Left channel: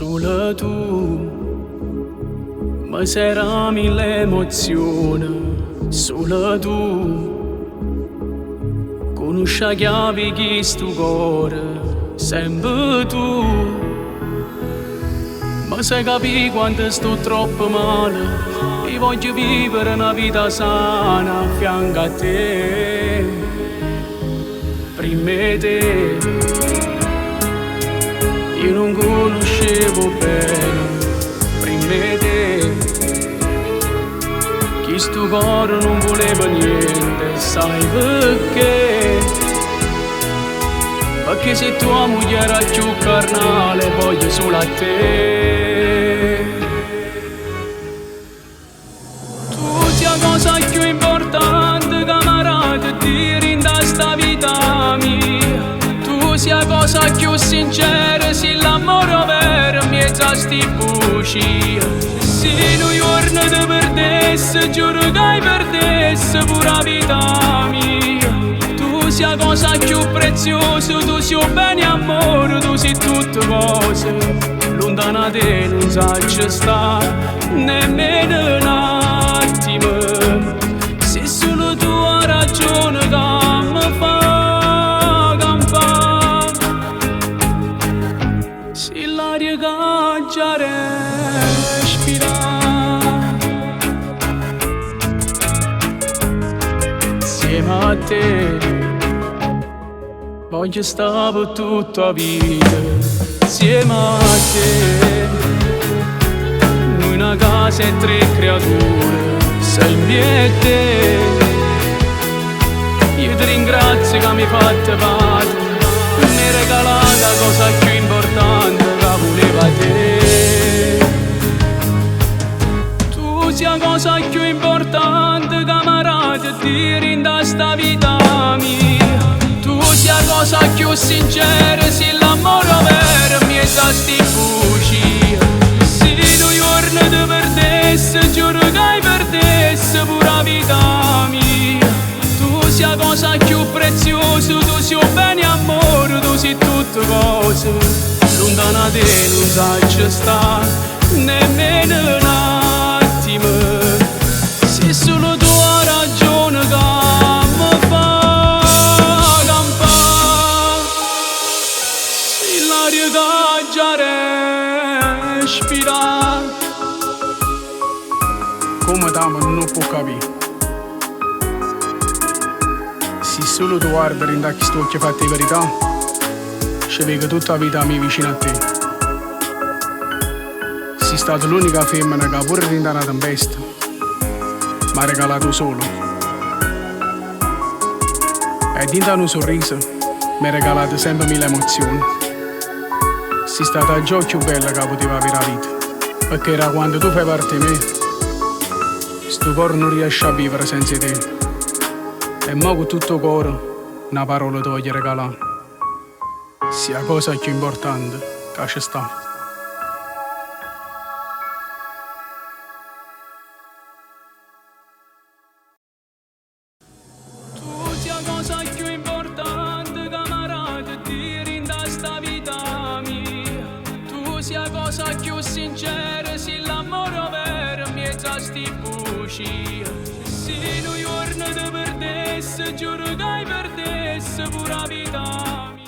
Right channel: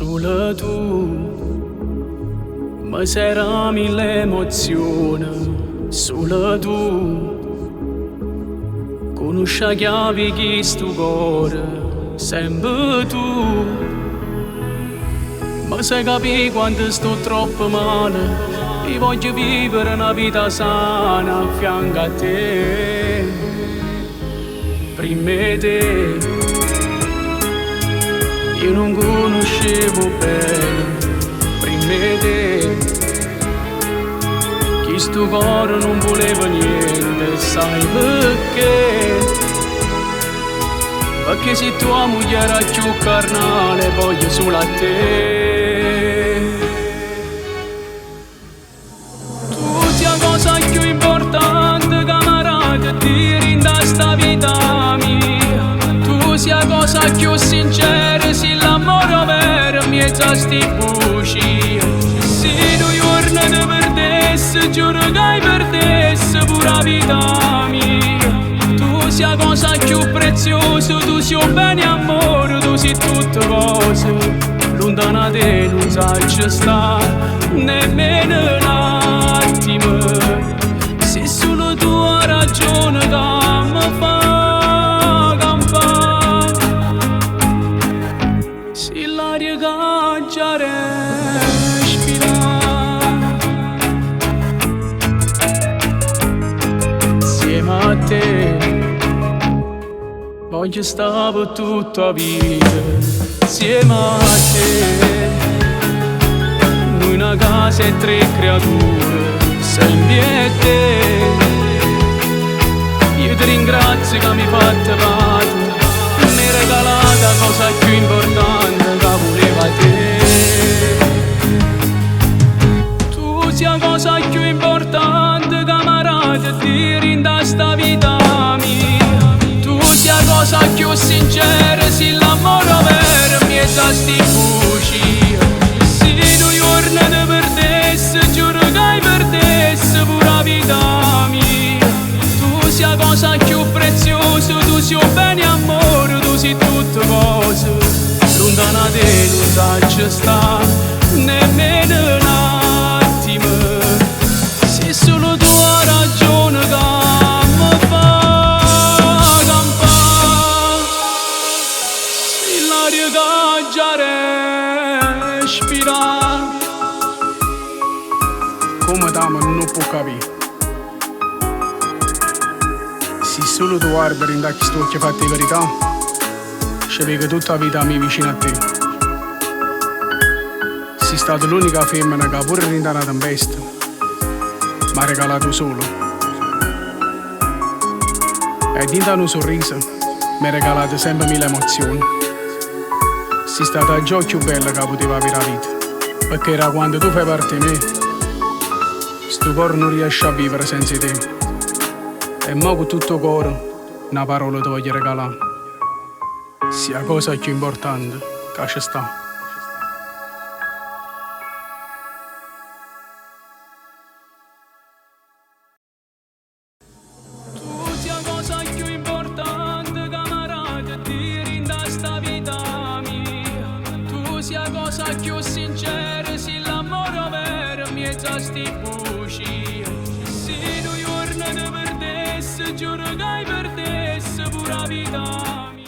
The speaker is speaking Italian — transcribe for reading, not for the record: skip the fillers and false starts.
Solo tu mi serami l'emozione, solo tu conosci la chiave che sto cuore, sempre tu mi sai capire quando sto troppo male e voglio vivere una vita sana a fianco a te. Prima te io non conoscevo bene, prima te chi sto cuore non voleva niente, sai perché? Perché se tua moglie era più carnale voglio solo a te. Tu sia cosa più importante camarada dire in sta vita mia. Tu sia cosa più sincera, se l'amore vero mezzo sti buci. Se noi giorni ti perdessi, giuro che perdessi pure la vita mia. Tu sia cosa più preziosa, tu sia bene amore, tu sei tutte cose. Lontana da te non sai sta nemmeno un attimo. Se solo tu hai ragione che mi fa campare. Se l'aria che già respira insieme a te voglio stare per tutta la vita, insieme a te. Noi una casa e tre creature, sempre a te. Io ti ringrazio che mi hai fatto parte, mi hai regalato la cosa più importante che voleva te. Tu sia la cosa più importante camarada dire in sta vita mia. Tu sia la cosa più sincera, se l'amore vero mi è da sti buci. Se noi giorni ti perdessi, giuro che perdessi pure la vita mia. Tu sia la cosa più preziosa, tu sia bene amore, tu sei tutte cose. Lontana da te non sai sta nemmeno un attimo. Se solo tu hai ragione che mi fa campare. Se l'aria che già respira. Come t'amo non può capire. Se solo tu guardi in questi occhi fatti di verità, ci vedo tutta la vita mia vicino a te. Sei stata l'unica femmina che pure rinda una tempesta mi ha regalato solo. E dentro un sorriso mi ha regalato sempre mille emozioni. Sei stata la gioia più bella che poteva avere la vita, perché era quando tu fai parte di me, sto cuore non riesce a vivere senza te. E mo con tutto il cuore una parola ti voglio regalare, sia la cosa più importante che ci sta. Tu sia la cosa più importante camarada dire in sta vita mia. Tu sia la cosa più sincera, se l'amore vero mi è da sti buci. Se noi giorni ti perdessi, giuro che perdessi pure la vita mia.